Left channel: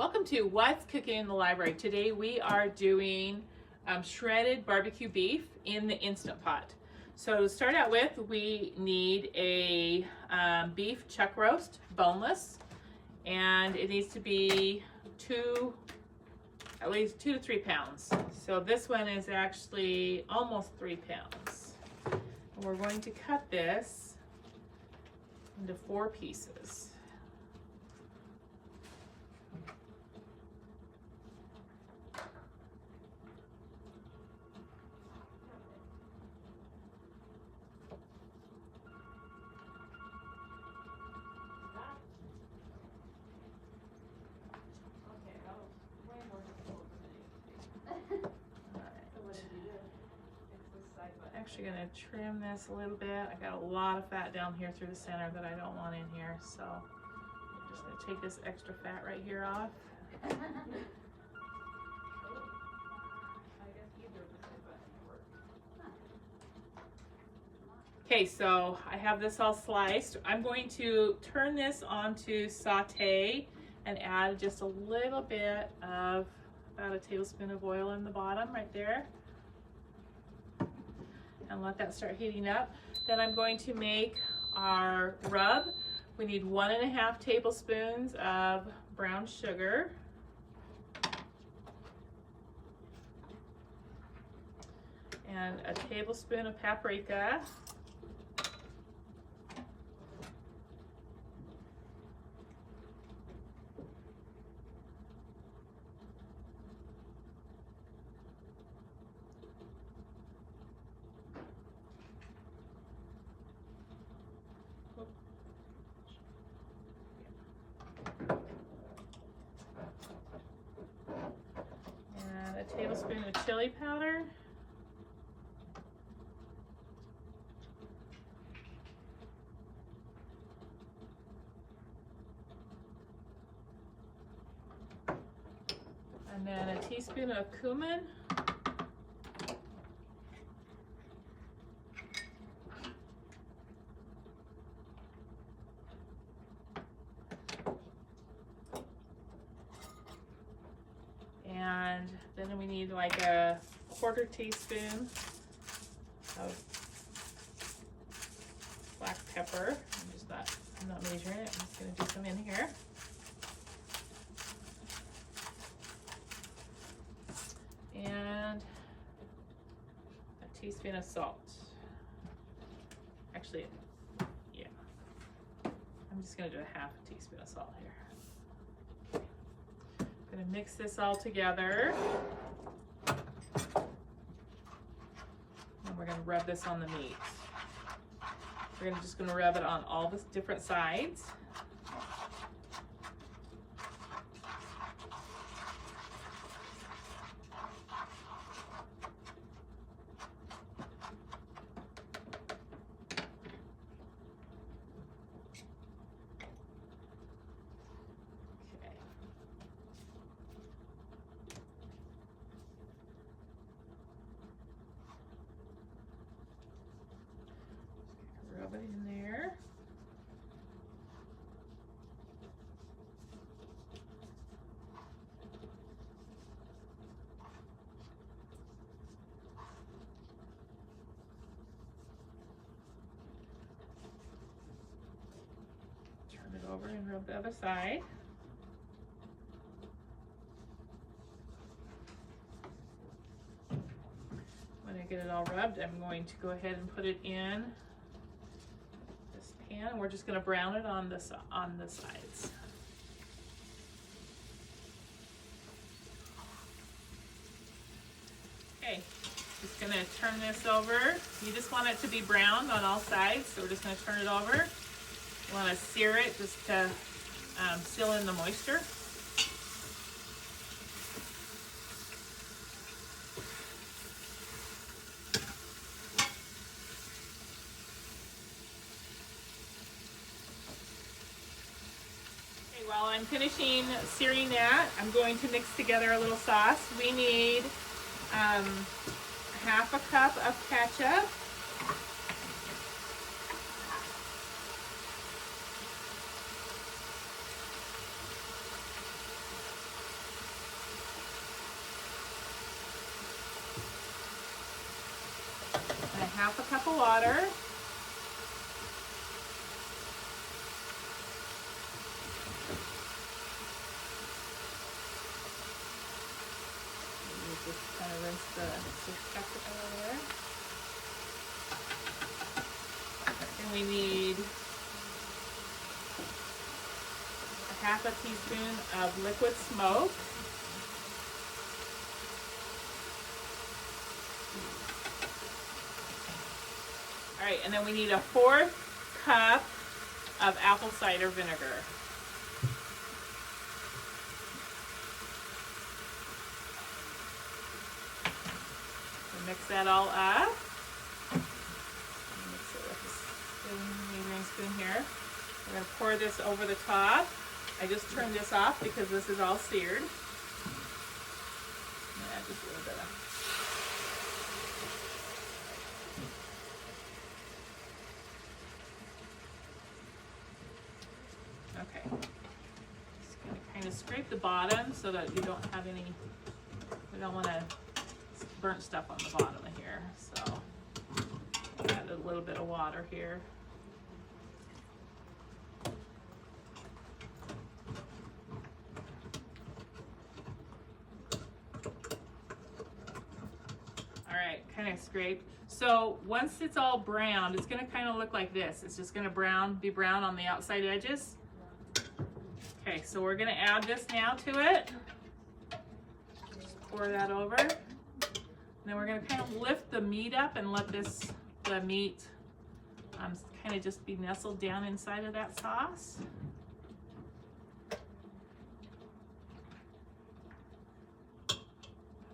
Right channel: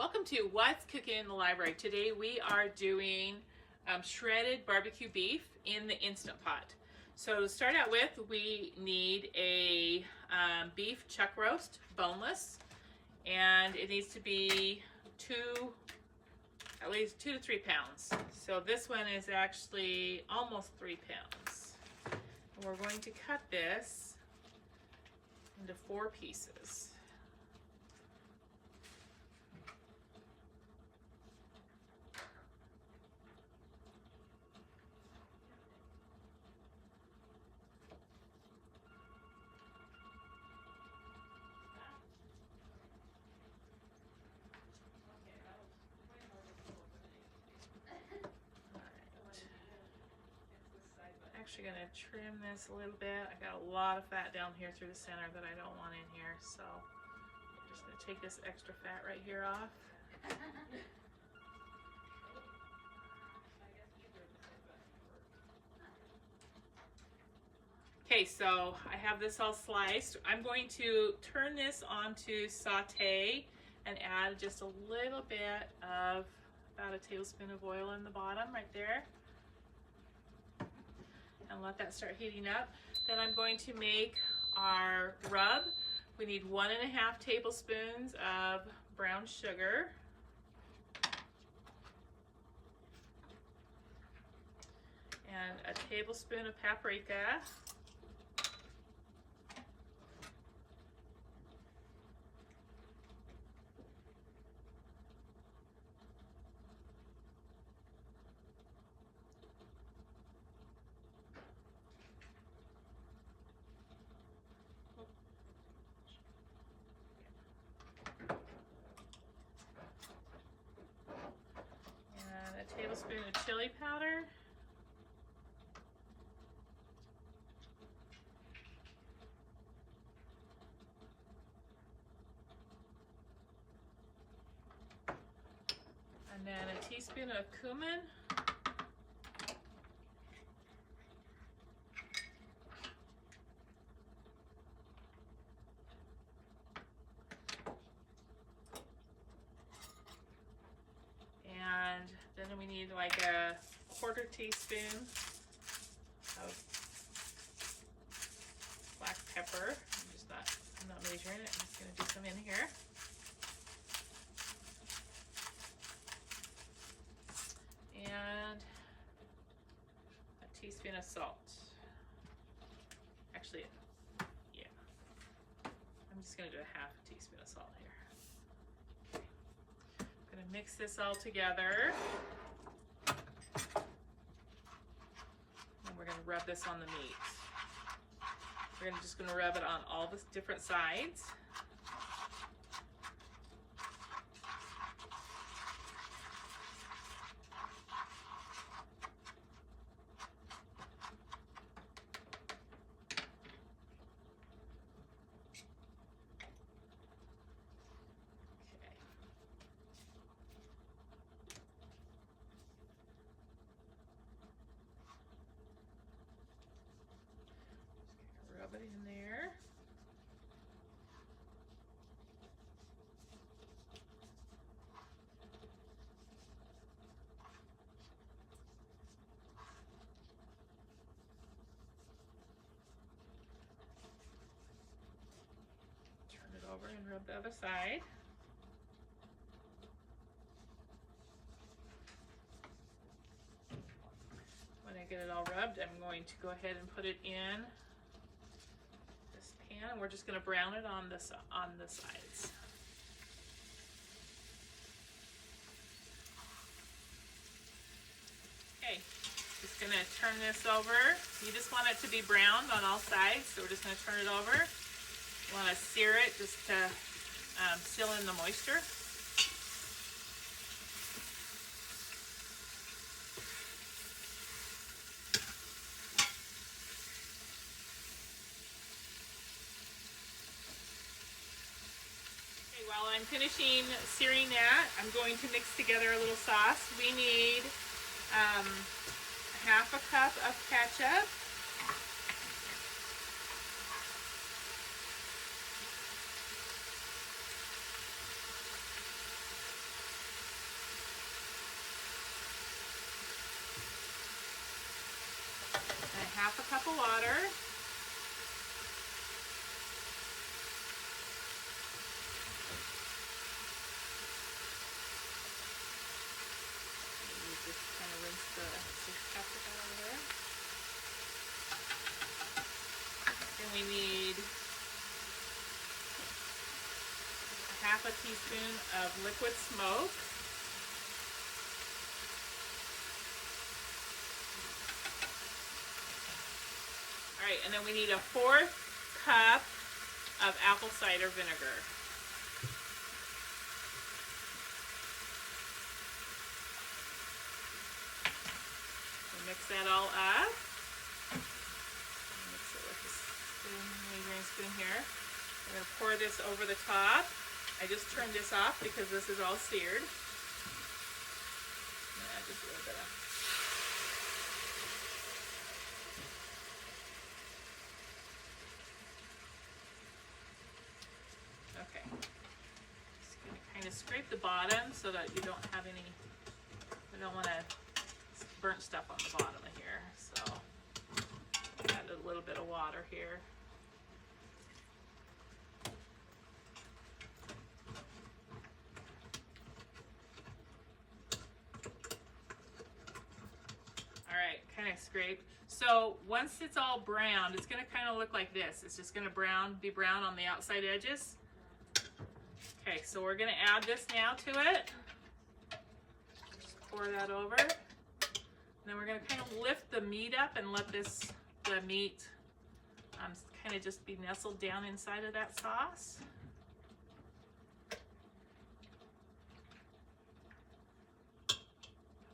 Welcome to What's Cooking in the Library. Today we are doing shredded barbecue beef in the Instant Pot. So to start out with, we need a beef chuck roast, boneless, and it needs to be at least 2 to 3 pounds. So this one is actually almost 3 pounds. And we're going to cut this into 4 pieces. Actually going to trim this a little bit. I got a lot of fat down here through the center that I don't want in here, so I'm just going to take this extra fat right here off. Okay, so I have this all sliced. I'm going to turn this onto saute and add just a little bit of about a tablespoon of oil in the bottom right there. And let that start heating up. Then I'm going to make our rub. We need 1.5 tablespoons of brown sugar. And a tablespoon of paprika. A tablespoon of chili powder. And then a teaspoon of cumin. And then we need like a 1/4 teaspoon of black pepper. I'm not measuring it. I'm just going to do some in here. And a teaspoon of salt. Actually, yeah. I'm just going to do a 1/2 teaspoon of salt here. Going to mix this all together. And we're going to rub this on the meat. We're just going to rub it on all the different sides. Rub it in there. Turn it over and rub the other side. When I get it all rubbed, I'm going to go ahead and put it in pan, and we're just going to brown it on the sides. Okay, just going to turn this over. You just want it to be browned on all sides, so we're just going to turn it over. You want to sear it just to seal in the moisture. While I'm finishing searing that, I'm going to mix together a little sauce. We need 1/2 cup of ketchup, cup of water. Just kind of rinse the ketchup over there. And we need a half a teaspoon of liquid smoke. All right, and then we need a 4th cup of apple cider vinegar. Mix that all up. Mix it with a spoon here. I'm going to pour this over the top. I just turned this off because this is all seared. Add just a little bit of. Okay. Just going to kind of scrape the bottom so that you don't have any. We don't want to burnt stuff on the bottom of here, so add a little bit of water here. All right, kind of scraped. So once it's all browned, it's going to kind of look like this. It's just going to be brown on the outside edges. Okay, so we're going to add this now to it. Just pour that over. Then we're going to kind of lift the meat up and let the meat kind of just be nestled down inside of that sauce.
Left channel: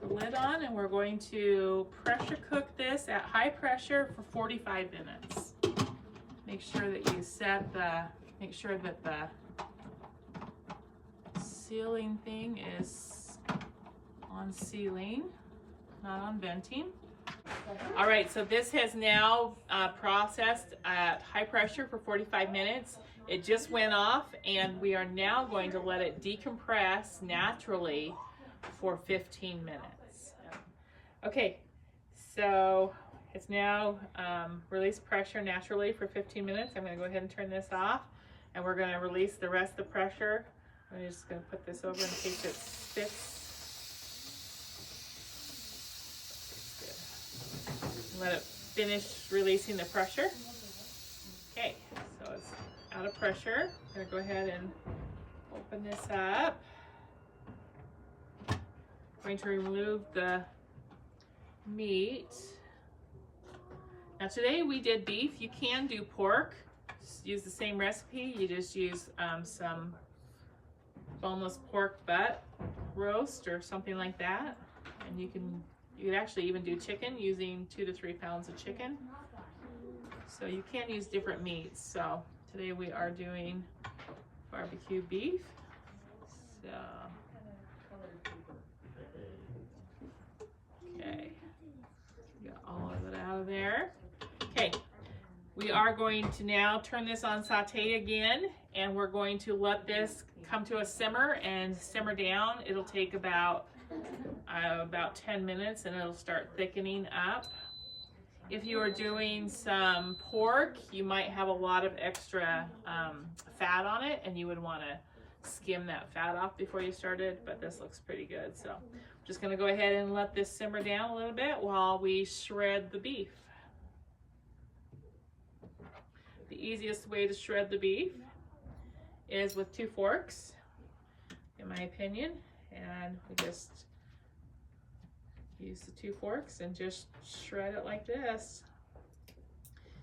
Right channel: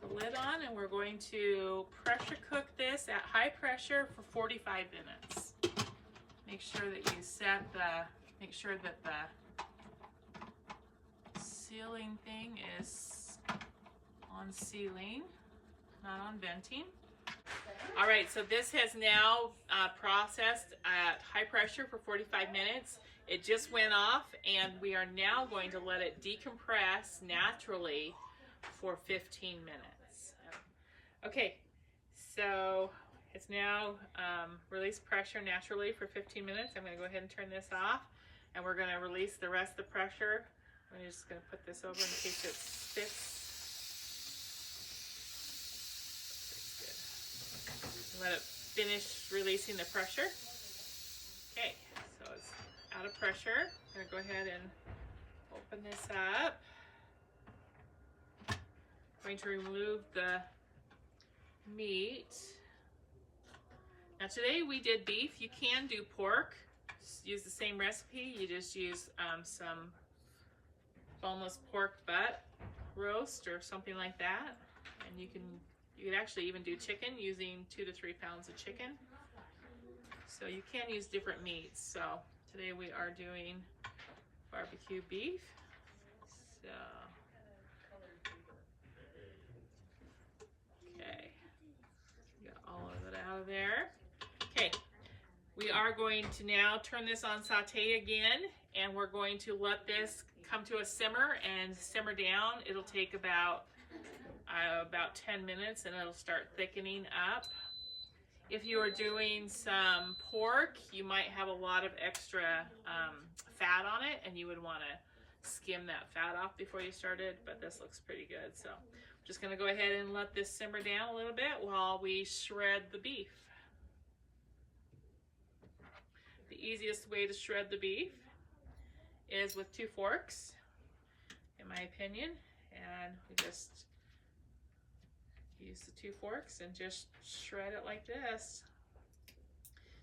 The lid on, and we're going to pressure cook this at high pressure for 45 minutes. Make sure that you make sure that the sealing thing is on sealing, not on venting. All right, so this has now processed at high pressure for 45 minutes. It just went off, and we are now going to let it decompress naturally for 15 minutes. Okay, so it's now released pressure naturally for 15 minutes. I'm going to go ahead and turn this off, and we're going to release the rest of the pressure. I'm just going to put this over in case it sticks. Let it finish releasing the pressure. Okay, so it's out of pressure. I'm gonna go ahead and open this up. Going to remove the meat. Now today we did beef. You can do pork. Just use the same recipe. You just use some boneless pork butt roast or something like that, and you could actually even do chicken using 2 to 3 pounds of chicken. So you can use different meats. So today we are doing barbecue beef. So, okay, got all of it out of there. Okay, we are going to now turn this on saute again, and we're going to let this come to a simmer and simmer down. It'll take about 10 minutes, and it'll start thickening up. If you are doing some pork, you might have a lot of extra fat on it, and you would want to skim that fat off before you started, but this looks pretty good. So I'm just going to go ahead and let this simmer down a little bit while we shred the beef. The easiest way to shred the beef is with 2 forks, in my opinion, and we just use the 2 forks and just shred it like this.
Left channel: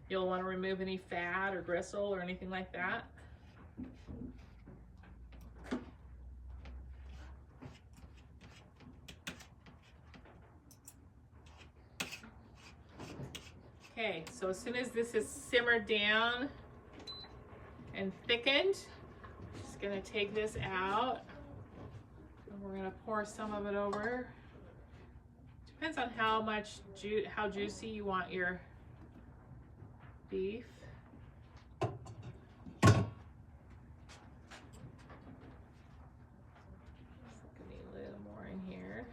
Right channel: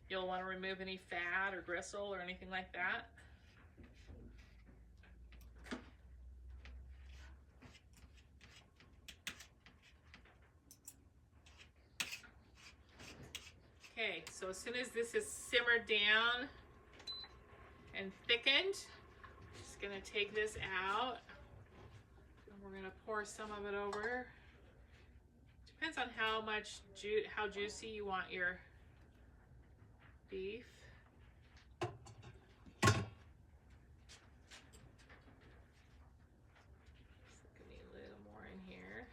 You'll want to remove any fat or gristle or anything like that. Okay, so as soon as this is simmered down and thickened, I'm just going to take this out, and we're going to pour some of it over. Depends on how juicy you want your beef. Just need a little more in here.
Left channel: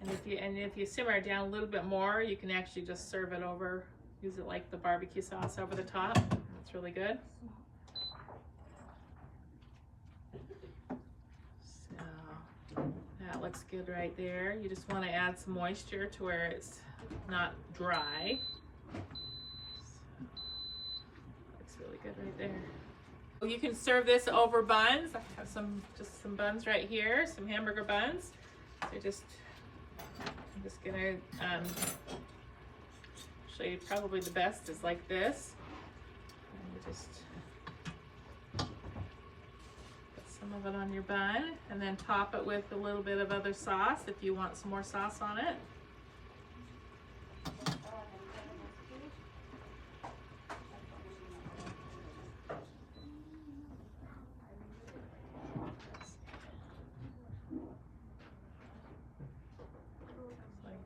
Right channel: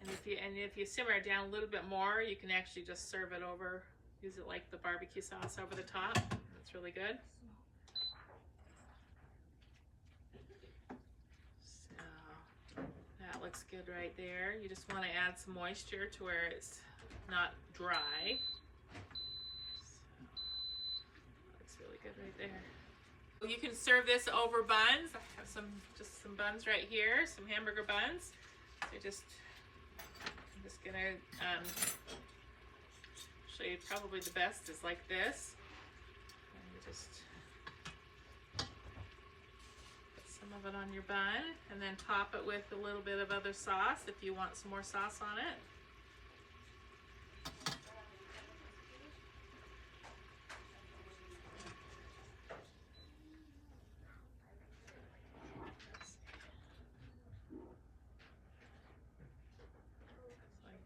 And if you simmer it down a little bit more, you can actually just serve it over, use it like the barbecue sauce over the top. That's really good. So that looks good right there. You just want to add some moisture to where it's not dry. So, looks really good right there. You can serve this over buns. I have just some buns right here, some hamburger buns. So I'm just gonna show you probably the best is like this. And you just put some of it on your bun and then top it with a little bit of other sauce if you want some more sauce on it.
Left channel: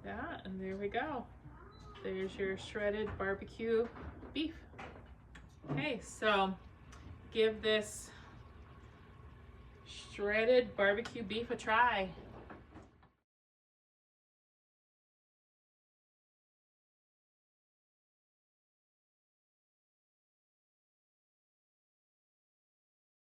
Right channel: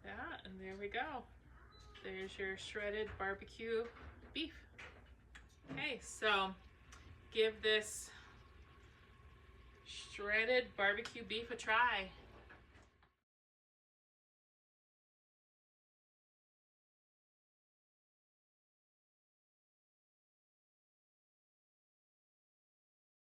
That, and there we go. There's your shredded barbecue beef. Okay, so give this shredded barbecue beef a try.